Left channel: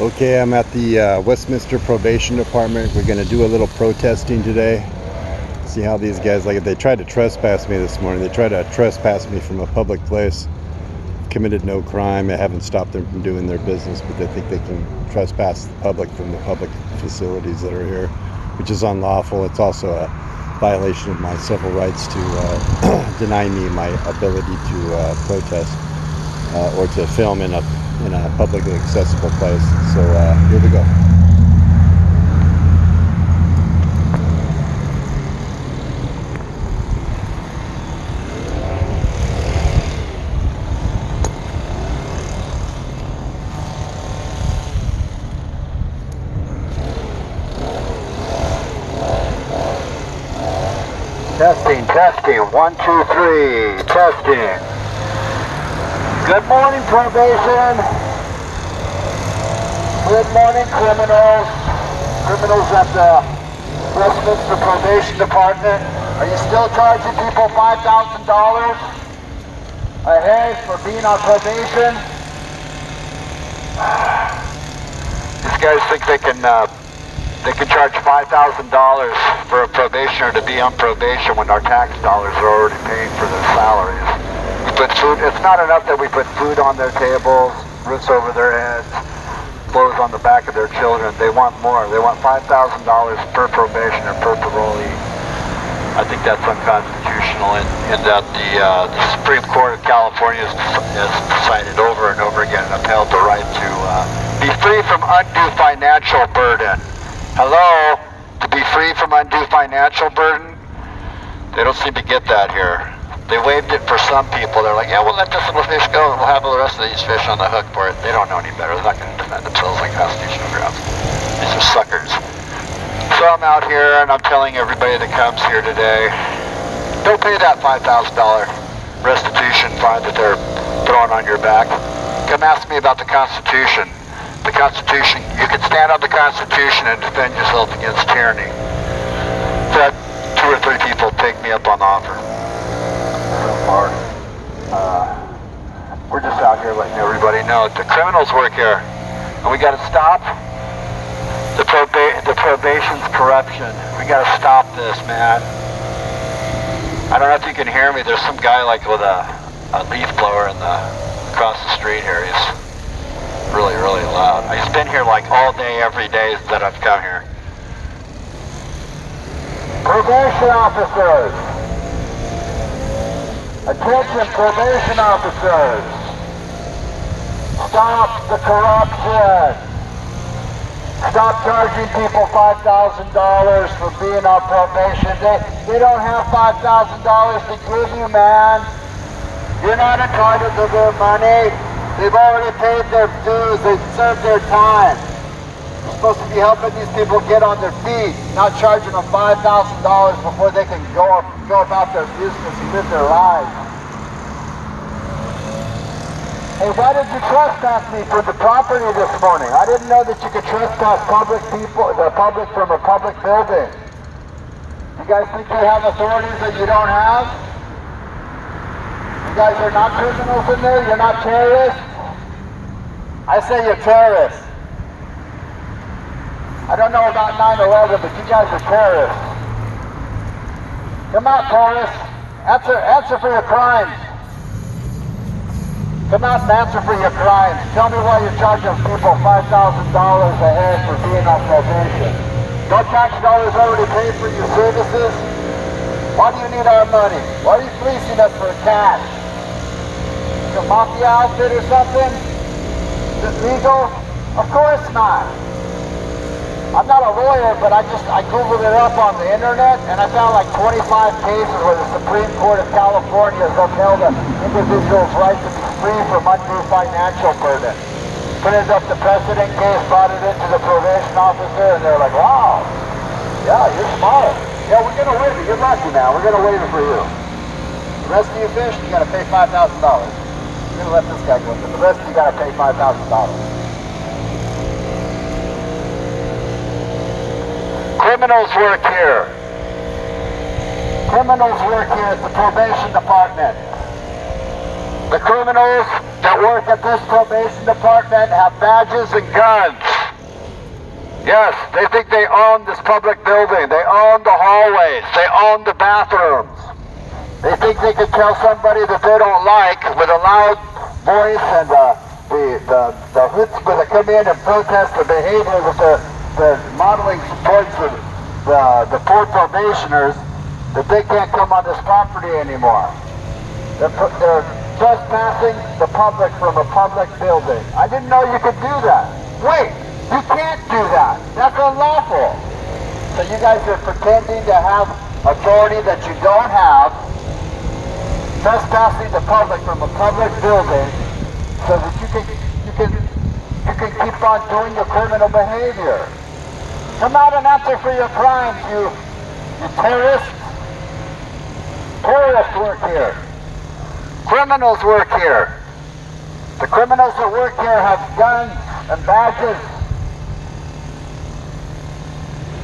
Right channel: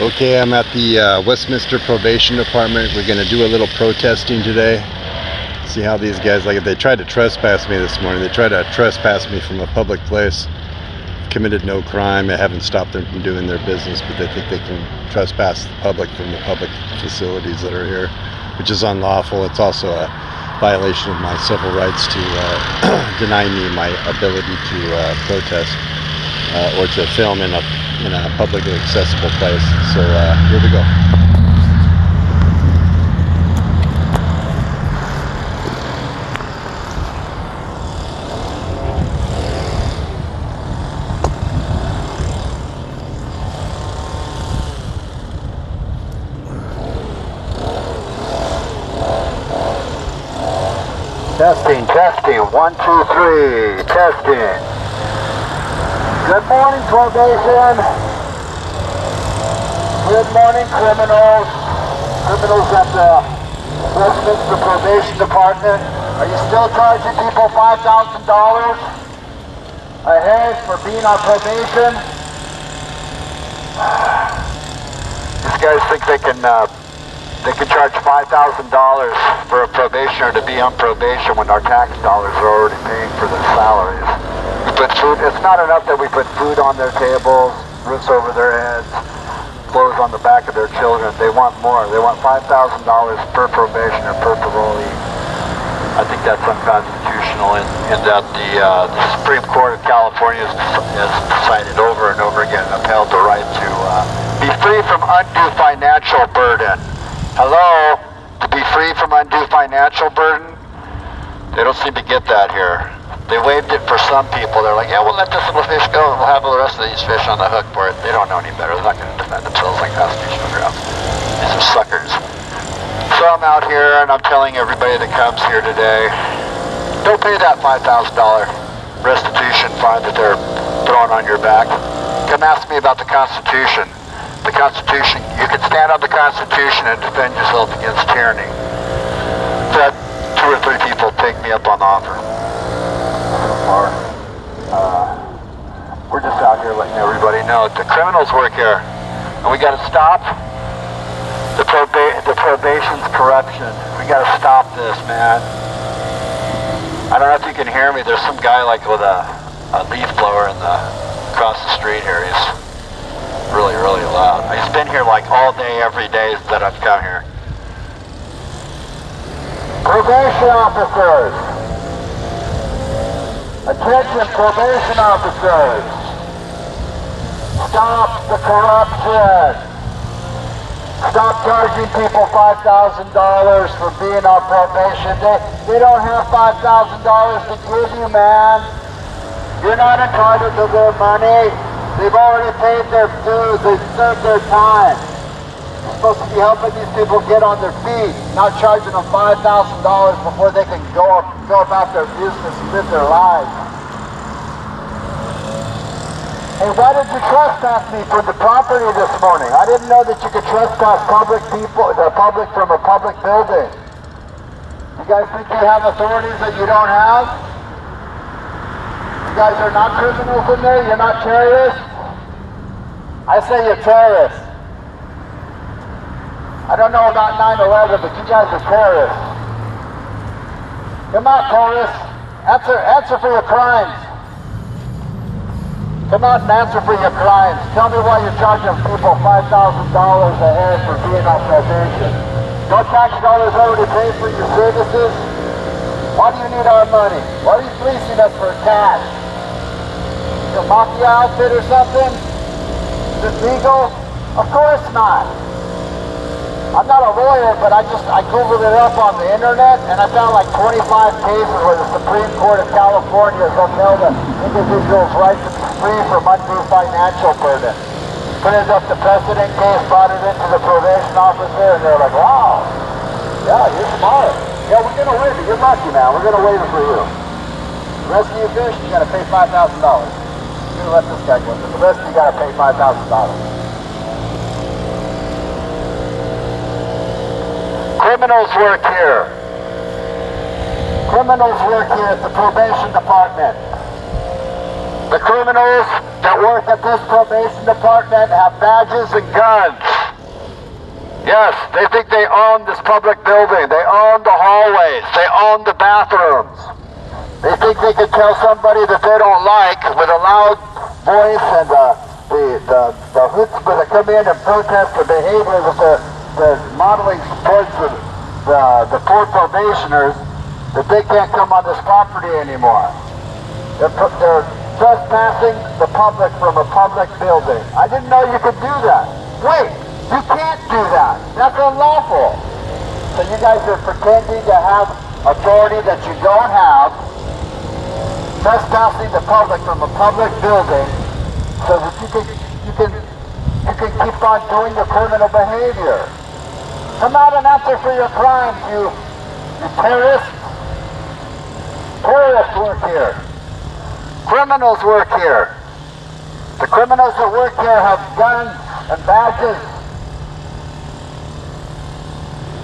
Okay, I'm at the Westminster Probation Department. We're going to do a little protesting today. See how these guys like it. They tried to trespass me this morning. They tried to trespass me from a public place. Committed no crime. I haven't stopped them from doing their business, but they think they can trespass the public from the public facilities that are here, which is unlawful. It's also a violation of my civil rights to deny me my ability to protest or to film in a publicly accessible place. So here we go. Testing, 1, 2, 3, testing. Good morning, probation. Good morning, criminals. Criminals at the Westminster Probation Department. Are you still charging people $5,000 a head for being on probation? These guys think they can charge $5,000 for a probationer to be on probation when our tax dollars are already paying for their salaries. We put food. It's not enough that we put food on their tables, roofs over their heads, clothes on the back of their children. They want more. They want $5,000 per probationer, per parolee. I think that's unconstitutional, and that the Supreme Court of California has decided over and over again and upheld the right to be free from undue financial burden. Hello? To be free from undue financial burden? They don't seem to get that here. They waived it for some people. They're like, yeah, we'll let this little fish go and we'll have the rest of these fish on the hook for it. They don't know any better. They're not going to defend themselves on constitutional grounds. These are suckers. So I'm out here and I'm telling everybody that comes here today, don't pay that $5,000 restitution fine that they're throwing on your back. Come ask me about the Constitution. The Constitution, you can stand on the Constitution and defend yourself against tyranny. That 2 or 3 people take me up on the offer. So far, we're just out here letting everybody know the criminals work here, and we got to stop the probation's corruption. We got to stop this, man. I don't know if you can hear me. There's some guy like with a leaf blower across the street here. He's really, really loud. He's been here like all day, every day that I've come here. Probation officers! Attention, probation officers! Stop the corruption! Stop charging people $5,000 for being on probation. They don't have $5,000 to give you, man. You're not entitled to their money. They've already paid their dues. They've served their time. You're supposed to be helping these people get on their feet, not charging them $5,000 before they can go about their business and live their lives. Hey, why did you trespass me from the property this morning? I didn't know that you could trespass the public from a public building. You guys think you have authorities that you don't have? You guys are not criminals in there? You're not terrorists? I say you're terrorists. I don't know about 9/11, but you guys are terrorists. Come out, terrorists. Answer for your crimes. Come out and answer for your crimes. Tell me why you're charging people $5,000 a head for being on probation. Your tax dollars already paid for your services. Why do you need our money? Why are you fleecing us for cash? Your mafia outfit or something? Is it legal? Of course not. I'm not a lawyer, but I Googled it up on the internet and I found like 25 cases where the Supreme Court of California has upheld an individual's right to be free from undue financial burden. Printed up the precedent case, brought it into the probation officer, and they're like, wow, yeah, you're smart. Yeah, we're going to waive it. You're lucky now. We're going to waive it for you. The rest of you fish, you got to pay $5,000. You're going to let this guy go, but the rest of you got to pay $5,000. Criminals work here. Criminals work here at the probation department. The criminals that work at this probation department have badges and guns. Yes, they think they own this public building. They own the hallways. They own the bathrooms. They think they can tell somebody that they don't like with a loud voice and the chutzpah that come in and protest the behavior with the modeling towards the poor probationers, that they can't come on this property anymore. They're trespassing the public from a public building. I didn't know you could do that. Wait, you can't do that. That's unlawful. So you guys are pretending to have authority that you don't have, trespassing the public from a public building so that you can keep on doing your criminal behavior. Come out and answer for your crimes, you terrorists. Terrorists work here. Criminals work here. The criminals that work here have guns and badges.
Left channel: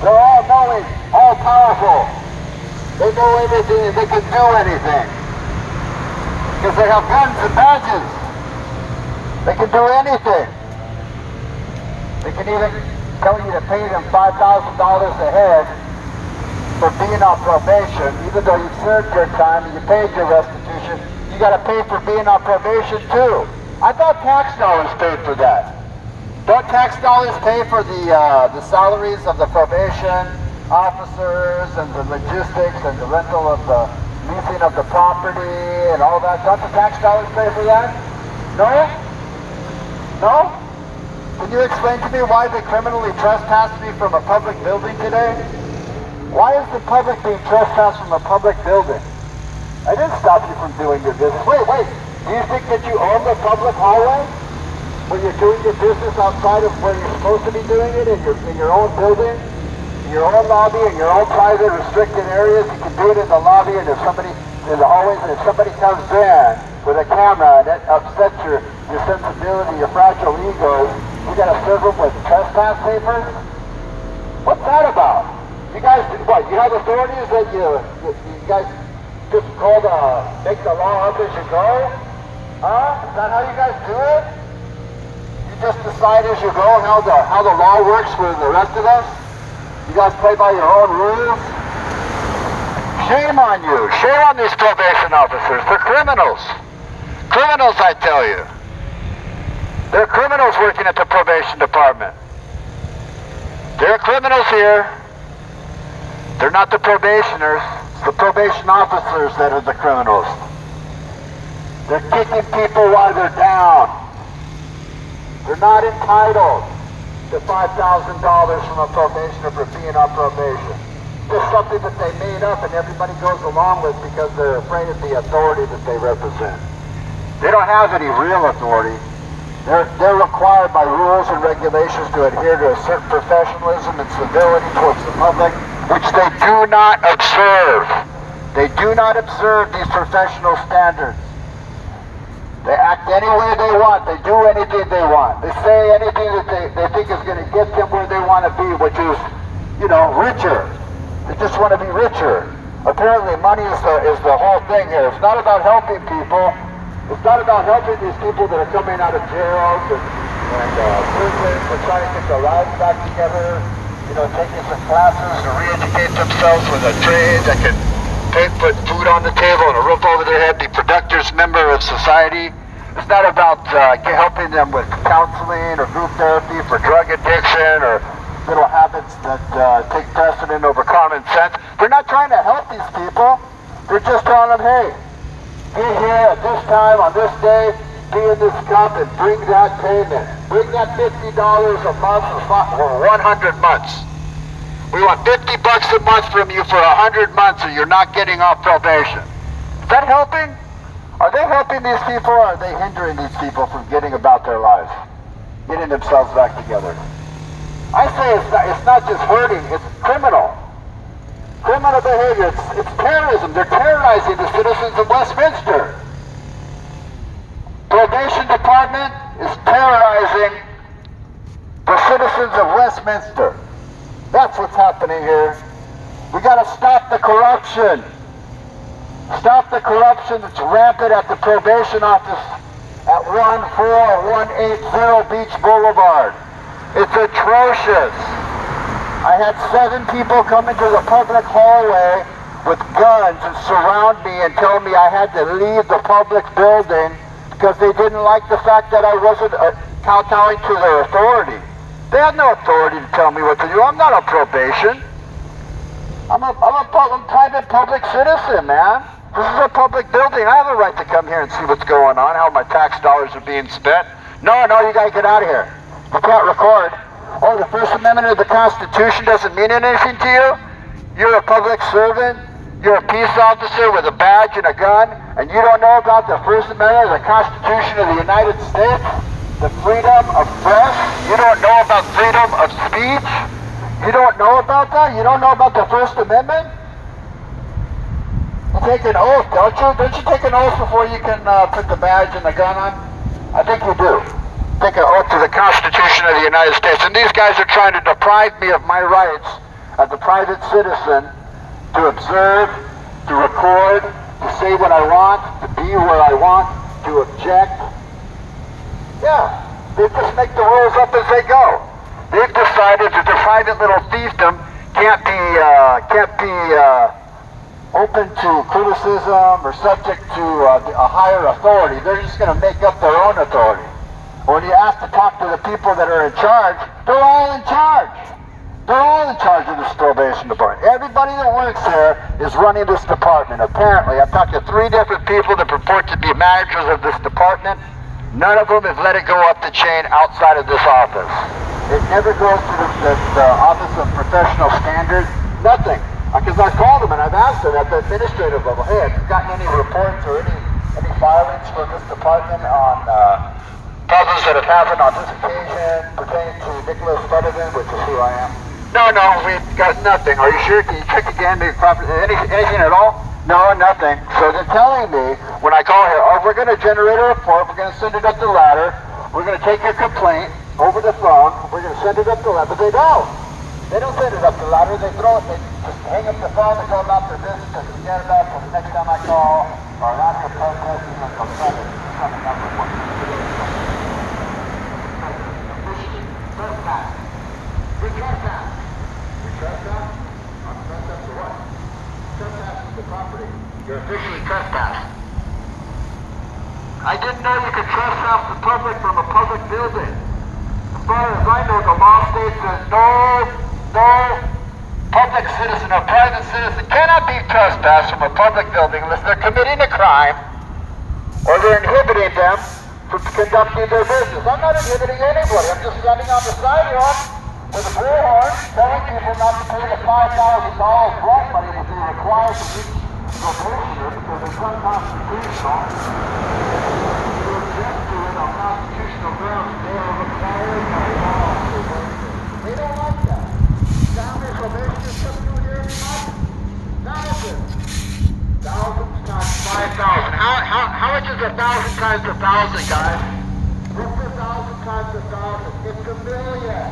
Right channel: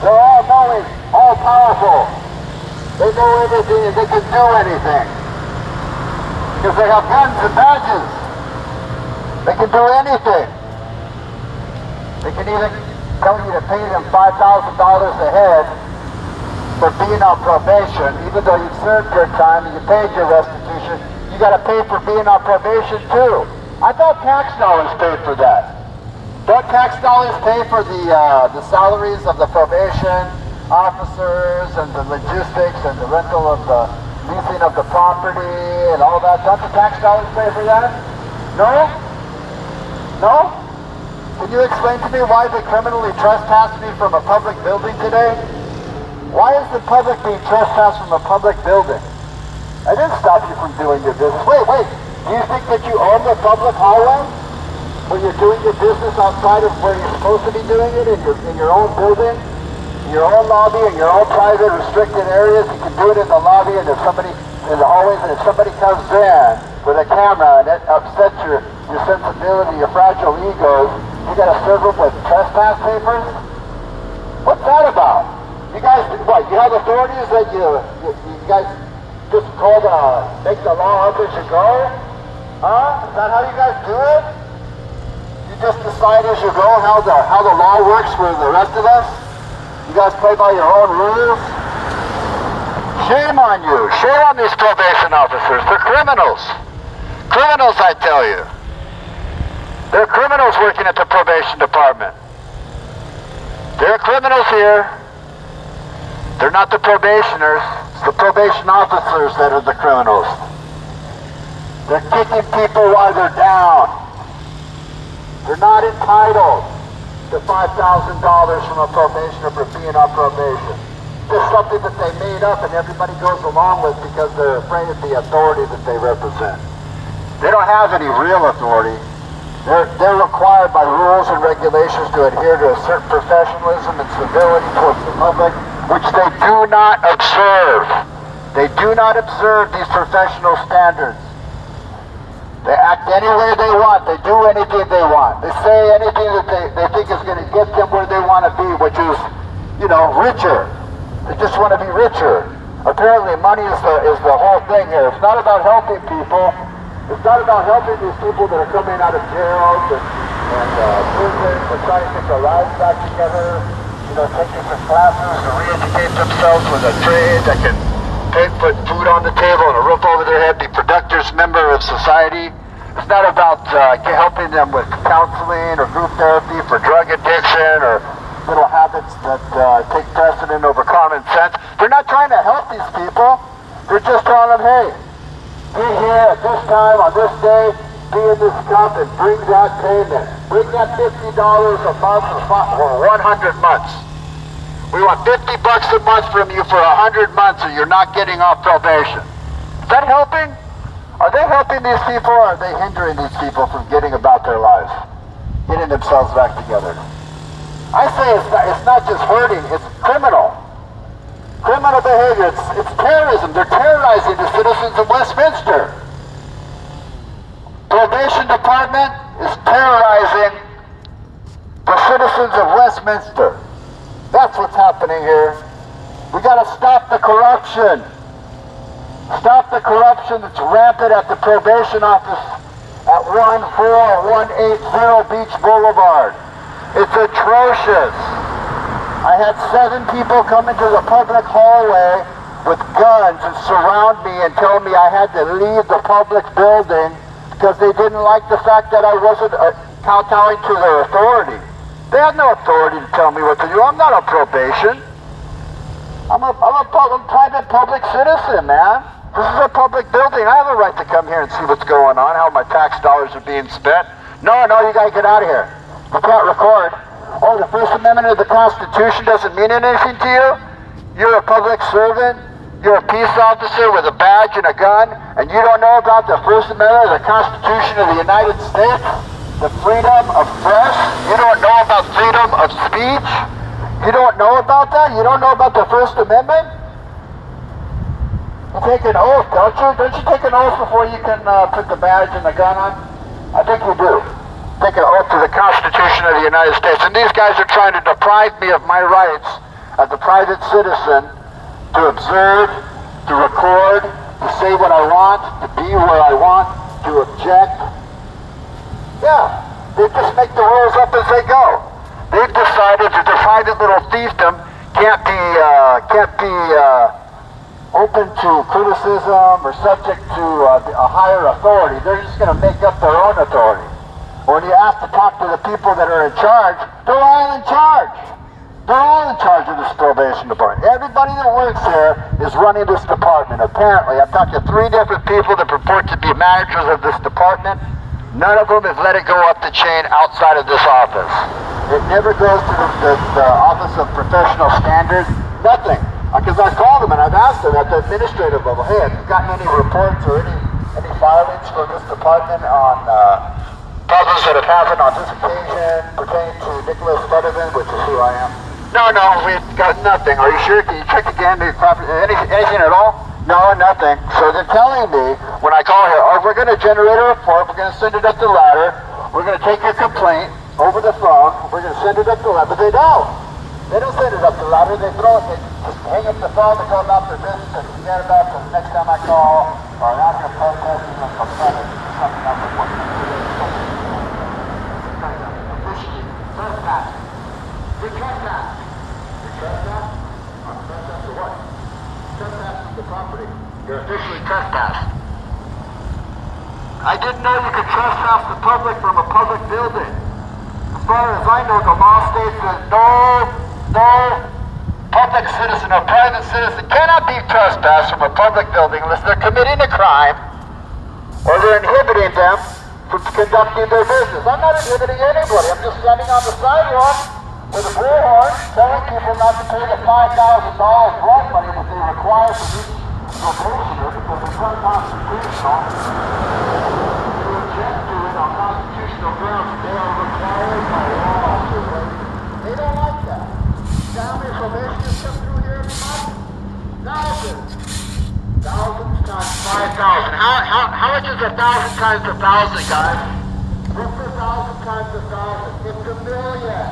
They're all knowing, all powerful. They know everything and they can do anything. Because they have guns and badges. They can do anything. They can even tell you to pay them $5,000 a head for being on probation. Even though you've served your time and you paid your restitution, you got to pay for being on probation too. I thought tax dollars paid for that. Don't tax dollars pay for the salaries of the probation officers and the logistics and the rental of the leasing of the property and all that? Don't the tax dollars pay for that? No? No? Can you explain to me why they criminally trespassed me from a public building today? Why is the public being trespassed from a public building? I didn't stop you from doing your business. Wait. Do you think that you own the public hallway? When you're doing your business outside of where you're supposed to be doing it, in your own building, in your own lobby, in your own private restricted areas, you can do it in the lobby and if somebody, in the hallways, and if somebody comes in with a camera and it upsets your sensibility, your fragile egos, you gotta serve them with trespass papers? What's that about? You guys, what, you have authorities that you guys just told make the law up as you go? Huh? Is that how you guys do it? You just decide as you go how the law works for the rest of us? You guys play by your own rules? Shame on you. Shame on these probation officers. They're criminals. Criminals, I tell you. They're criminals working at the probation department. There are criminals here. They're not the probationers. It's the probation officers that are the criminals. They're kicking people while they're down. They're not entitled to $5,000 from a probationer for being on probation. It's something that they made up and everybody goes along with because they're afraid of the authority that they represent. They don't have any real authority. They're required by rules and regulations to adhere to a certain professionalism and civility towards the public, which they do not observe. They do not observe these professional standards. They act any way they want. They do anything they want. They say anything that they think is going to get them where they want to be, which is, richer. They just want to be richer. Apparently money is the whole thing here. It's not about helping people. It's not about helping these people that are coming out of jails and prison and trying to get their lives back together, taking some classes to re-educate themselves with a trade that can put food on the table and a roof over their head, be productive member of society. It's not about helping them with counseling or group therapy for drug addiction or little habits that take precedent over common sense. They're not trying to help these people. They're just telling them, hey, be here at this time on this day, be in this cup and bring that payment. Bring that $50 a month for 100 months. We want $50 a month from you for 100 months or you're not getting off probation. Is that helping? Are they helping these people or are they hindering these people from getting about their lives? Getting themselves back together? I say it's not just hurting, it's criminal. Criminal behavior, it's terrorism. They're terrorizing the citizens of Westminster. Probation department is terrorizing the citizens of Westminster. That's what's happening here. We got to stop the corruption. Stop the corruption that's rampant at the probation office at 14180 Beach Boulevard. It's atrocious. I had 7 people come into the public hallway with guns and surround me and tell me I had to leave the public building because they didn't like the fact that I wasn't kowtowing to their authority. They had no authority to tell me what to do. I'm not on probation. I'm a private public citizen, man. This is a public building. I have a right to come here and see what's going on, how my tax dollars are being spent. No, you gotta get out of here. You can't record. Oh, the First Amendment of the Constitution doesn't mean anything to you? You're a public servant. You're a peace officer with a badge and a gun, and you don't know about the First Amendment of the Constitution of the United States? The freedom of press? You don't know about freedom of speech? You don't know about that? You don't know about the First Amendment? You take an oath, don't you? Don't you take an oath before you can put the badge and the gun on? I think you do. Take an oath to the Constitution of the United States. And these guys are trying to deprive me of my rights as a private citizen to observe, to record, to say what I want, to be where I want, to object. Yeah, they just make the rules up as they go. They've decided that their private little fiefdom can't be open to criticism or subject to a higher authority. They're just going to make up their own authority. When you ask to talk to the people that are in charge, they're all in charge. They're all in charge of this probation department. Everybody that works there is running this department. Apparently, I've talked to 3 different people that purport to be managers of this department. None of them have let it go up the chain outside of this office. It never goes to the Office of Professional Standards. Nothing. Because I've called them and I've asked them at the administrative level, hey, have you gotten any reports or any filings from this department on problems that have happened on this occasion pertaining to Nicholas Fetterman, which is who I am? No, we've got nothing. Are you sure? Can you check again? Anything at all? No, nothing. So they're telling me, when I call here, oh, we're going to generate a report, we're going to send it up the ladder, we're going to take your complaint over the phone, we're going to send it up the ladder, but they don't. They don't send it up the ladder, they just hang up the phone, they go about their business, and forget about it, the next time I call, or I have to protest, and coming up with one. Trespass. You're trespass. You're trespass? I'm trespass for what? Trespassing the property. You're officially trespassed. I didn't know you could trespass the public from a public building. As far as I know, the law states that no public citizen or private citizen cannot be trespassed from a public building unless they're committing a crime or they're inhibiting them from conducting their business. I'm not inhibiting anybody. I'm just standing on the sidewalk with a bullhorn telling people not to pay the $5,000 rent money that they require to be probationer because it's unconstitutional. They object to it on constitutional grounds. They are required by law. They don't like that. How many probationers come through here every month? Thousands. Thousands times 5,000. How much is 1,000 times 1,000, guys? What's 1,000 times 1,000? It's $1 million.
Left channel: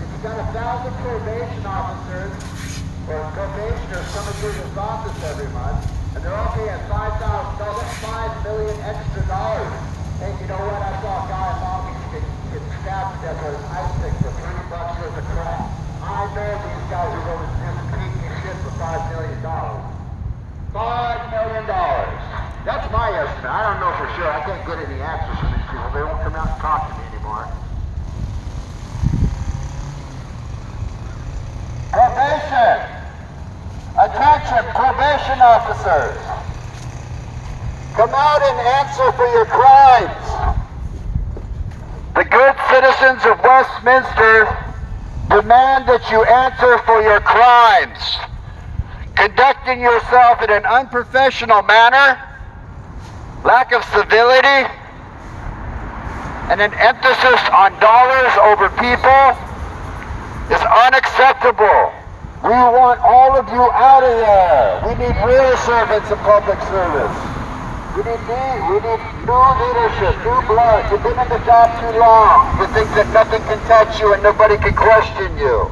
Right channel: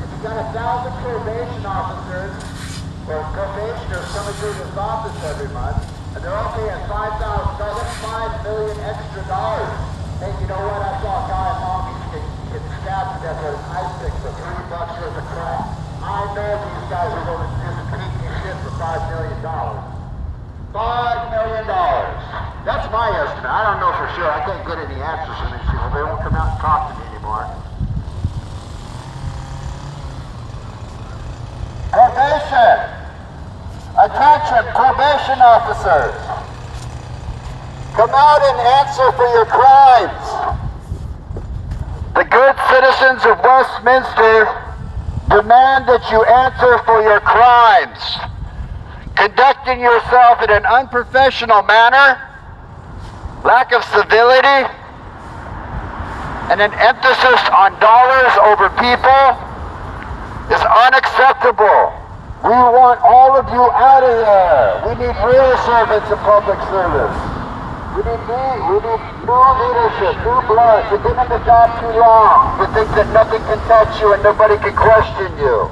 If you got 1,000 probation officers or probationers coming through this office every month, and they're all paying $5,000, that's $5 million extra dollars. Hey, you know what? I saw a guy in Long Beach get stabbed to death with an ice pick for $3 worth of crap. I know these guys are going to just beat me shit for $5 million. $5 million. That's my estimate. I don't know for sure. I can't get any answers from these people. They won't come out and talk to me anymore. Probation! Attention, probation officers! Come out and answer for your crimes! The good citizens of Westminster demand that you answer for your crimes. Conducting yourself in an unprofessional manner, lack of civility, and an emphasis on dollars over people is unacceptable. We want all of you out of there. We need real servants of public service. We need new leadership, new blood. You've been in the job too long. You think that nothing can touch you and nobody can question you.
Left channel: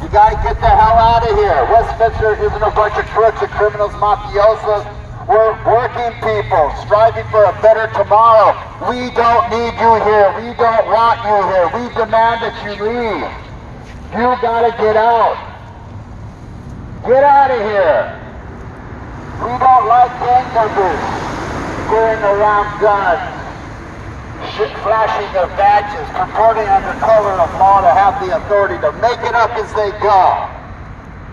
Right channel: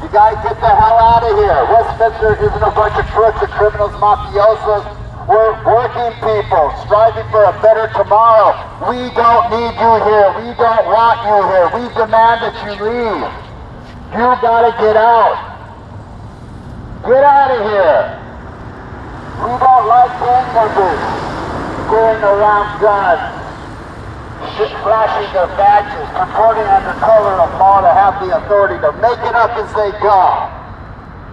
You gotta get the hell out of here. Westminster isn't a bunch of crooks and criminals, mafiosos, We're working people, striving for a better tomorrow. We don't need you here. We don't want you here. We demand that you leave. You gotta get out. Get out of here. We don't like gang members going around guns, flashing their badges, purporting under cover of law to have the authority to make it up as they go.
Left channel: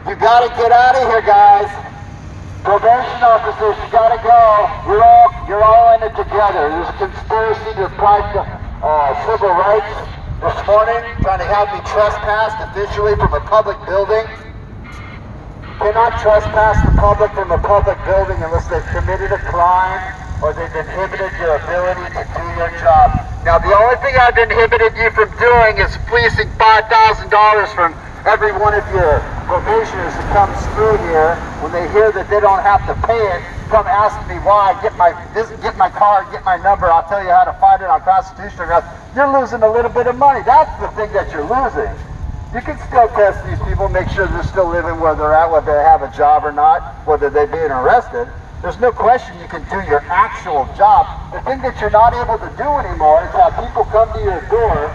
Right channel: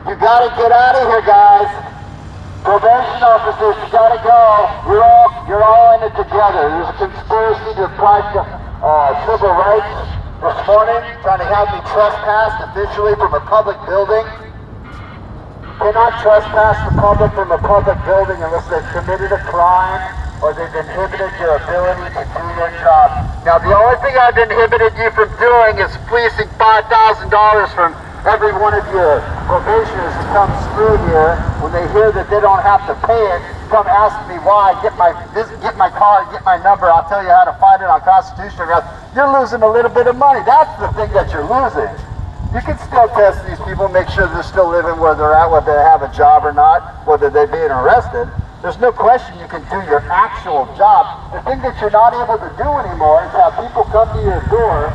You gotta get out of here, guys. Probation officers, you gotta go. You're all in it together. There's a conspiracy to apply civil rights this morning, trying to have me trespassed officially from a public building. You cannot trespass the public from a public building unless they've committed a crime or they've inhibited your ability to do their job. Now, the only thing I've inhibited you from doing is fleecing $5,000 from every one of your probationers who comes through here. When they hear that they don't have to pay it, come ask me why, get my card, get my number, I'll tell you how to find it on constitutional grounds. You're losing a little bit of money. That's the thing that you're losing. You can still test these people, make sure they're still living where they're at, whether they have a job or not, whether they're being arrested. There's no question you can do your actual job. The thing that you're not able to do anymore is have people come to your door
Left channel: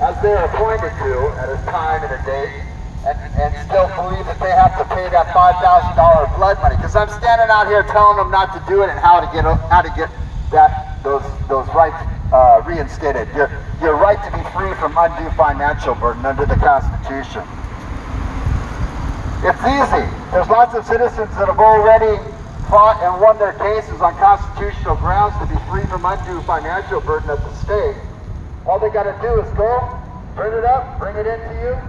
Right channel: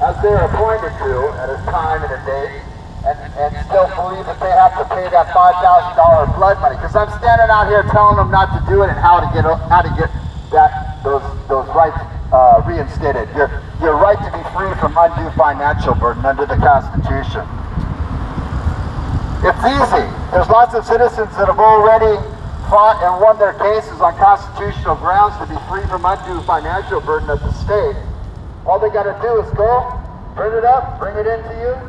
as they're appointed to at a time and a date and still believe that they have to pay that $5,000 blood money. Because I'm standing out here telling them not to do it and how to get those rights reinstated. Your right to be free from undue financial burden under the Constitution. It's easy. There's lots of citizens that have already fought and won their cases on constitutional grounds to be free from undue financial burden of the state. All they got to do is go, print it up, bring it into you,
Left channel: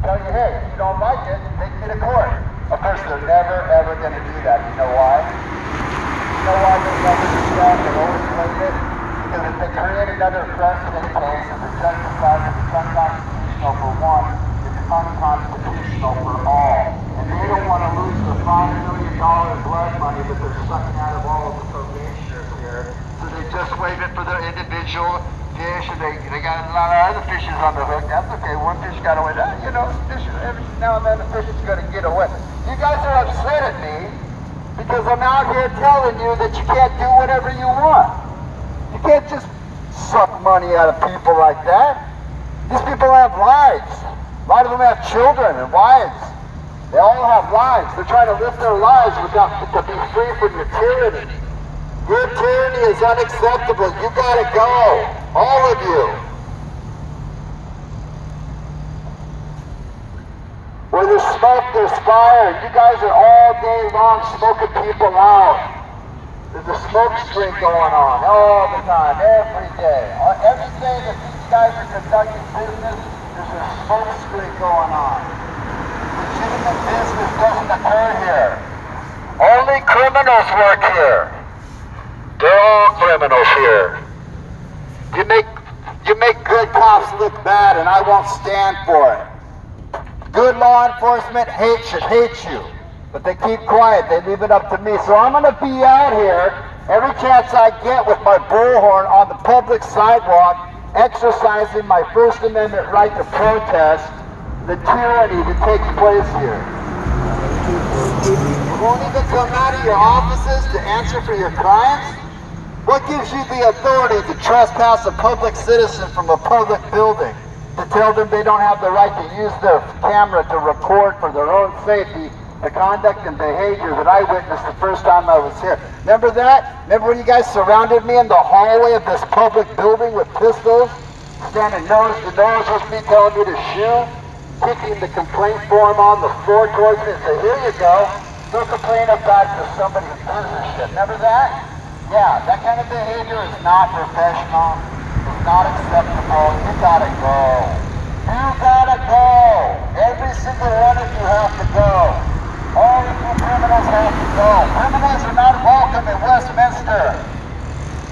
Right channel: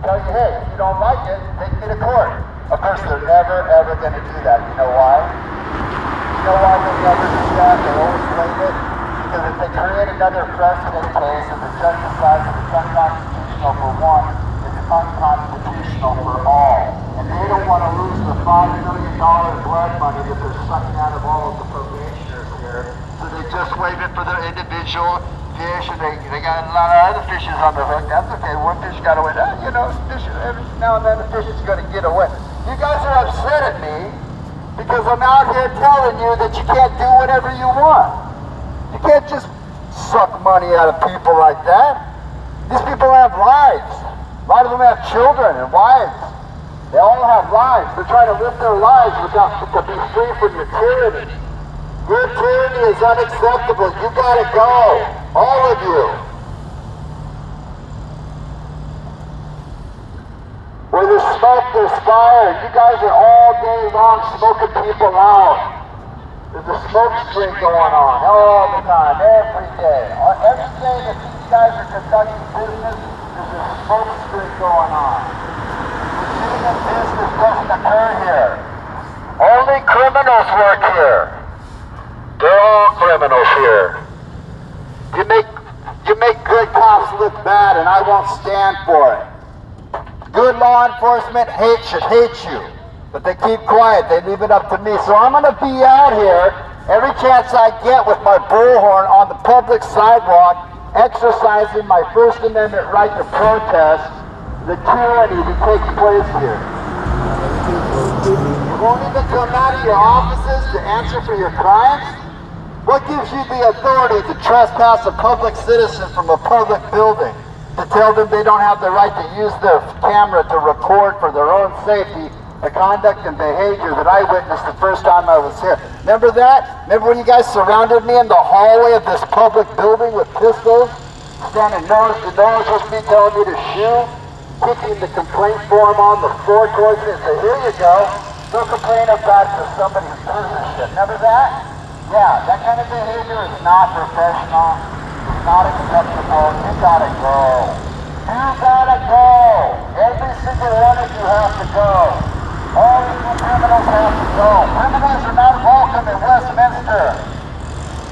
tell you, hey, if you don't like it, take me to court. Of course, they're never, ever going to do that. You know why? You know why they never do that? They'll always blame it. Because if they create another precedent case and the judge decides that it's unconstitutional for one, it's unconstitutional for all. And they don't want to lose the $5 million blood money that they're sucking out of all of the probationers here. So they just waive it for their individual fish, and they got a lot of other fishes on the hook. That's okay, one fish got away. You know, every now and then the fish is going to get away. You guys are upset at me because I'm out here telling you that you can't do whatever you want. You can't just suck money out of people like that. These people have lives. A lot of them have children and wives. They all have lives. They're trying to live their lives to be free from your tyranny. Your tyranny is unacceptable. You gotta go. All of you. Where there's smoke, there's fire. You guys are all day long smoking people out. There's a smoke screen going on all the time, every day. Every day that these guys are conducting business, there's a smoke screen going on. Legitimate business doesn't occur here. Only criminals work here. They're all criminals here. You make good cops look bad, and I won't stand for it. Good law enforcement should hate you. But they keep quiet, they leave it up to me. So I'm gonna be out here every chance I get with my bullhorn on the public sidewalk, exercising my First Amendment right to protest the tyranny that takes place here. You won't even come out of your offices to answer for your crimes? What gives you the authority to trespass a public citizen from a public building? To tell them they don't have the right to use their camera to record for their own safety the conduct and behavior that I witnessed the first time I was here. Remember that? Remember when you guys surrounded me in the hallway of this public building with pistols? Standing nose to nose with me, telling me to shoot? Kicking the complaint form on the floor towards me. So here you go. You're complaining about to somebody's business shit. Remember that? Yeah, that kind of behavior is not professional. It's not acceptable. You gotta go. You gotta go. Every single one of you has to go. All you criminals have to go. Criminals are not welcome in Westminster.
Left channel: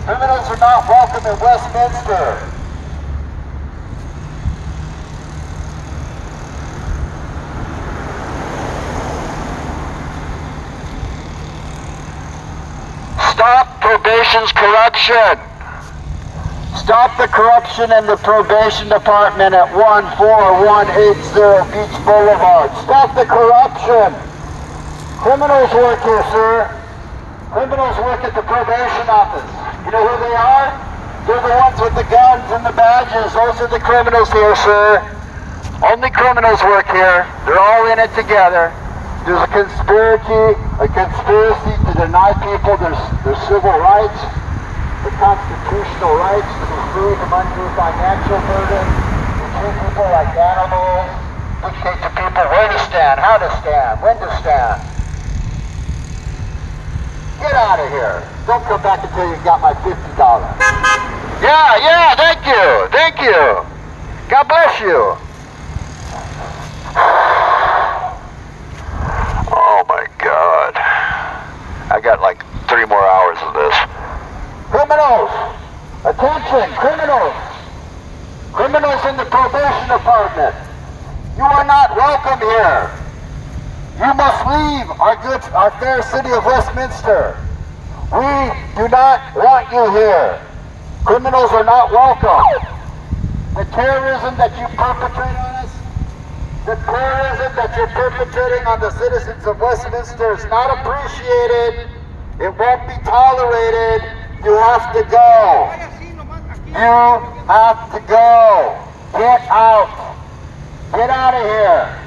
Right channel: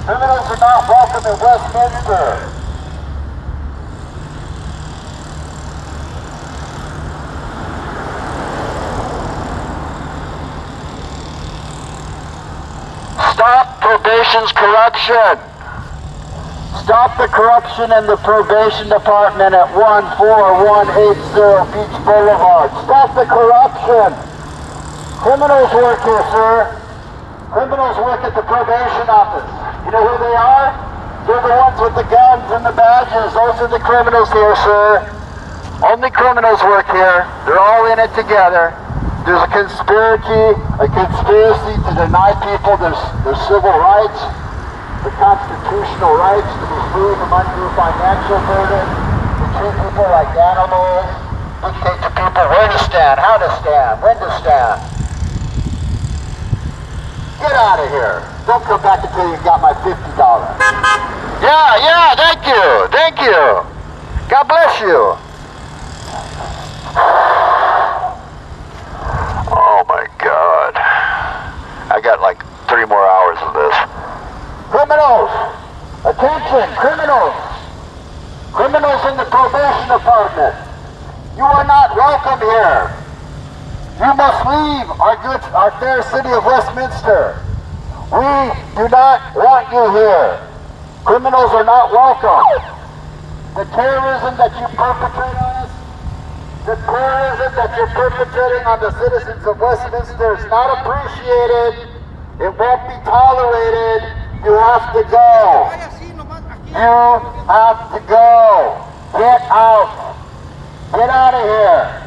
Criminals are not welcome in Westminster. Stop probation's corruption. Stop the corruption in the probation department at 14180 Beach Boulevard. Stop the corruption. Criminals work here, sir. Criminals work at the probation office. You know who they are? They're the ones with the guns and the badges. Those are the criminals here, sir. Only criminals work here. They're all in it together. There's a conspiracy to deny people their civil rights, their constitutional rights to be free from undue financial burden, to treat people like animals, dictate to people where to stand, how to stand, when to stand. Get out of here. Don't come back until you got my $50. Yeah, thank you. God bless you. Oh my God. I got like 3 more hours of this. Criminals! Attention, criminals! Criminals in the probation department. You are not welcome here. You must leave our fair city of Westminster. We do not want you here. Criminals are not welcome. The terrorism that you perpetrate on us, the terrorism that you're perpetrating on the citizens of Westminster is not appreciated. It won't be tolerated. You have to go. You have to go. Get out. Get out of here.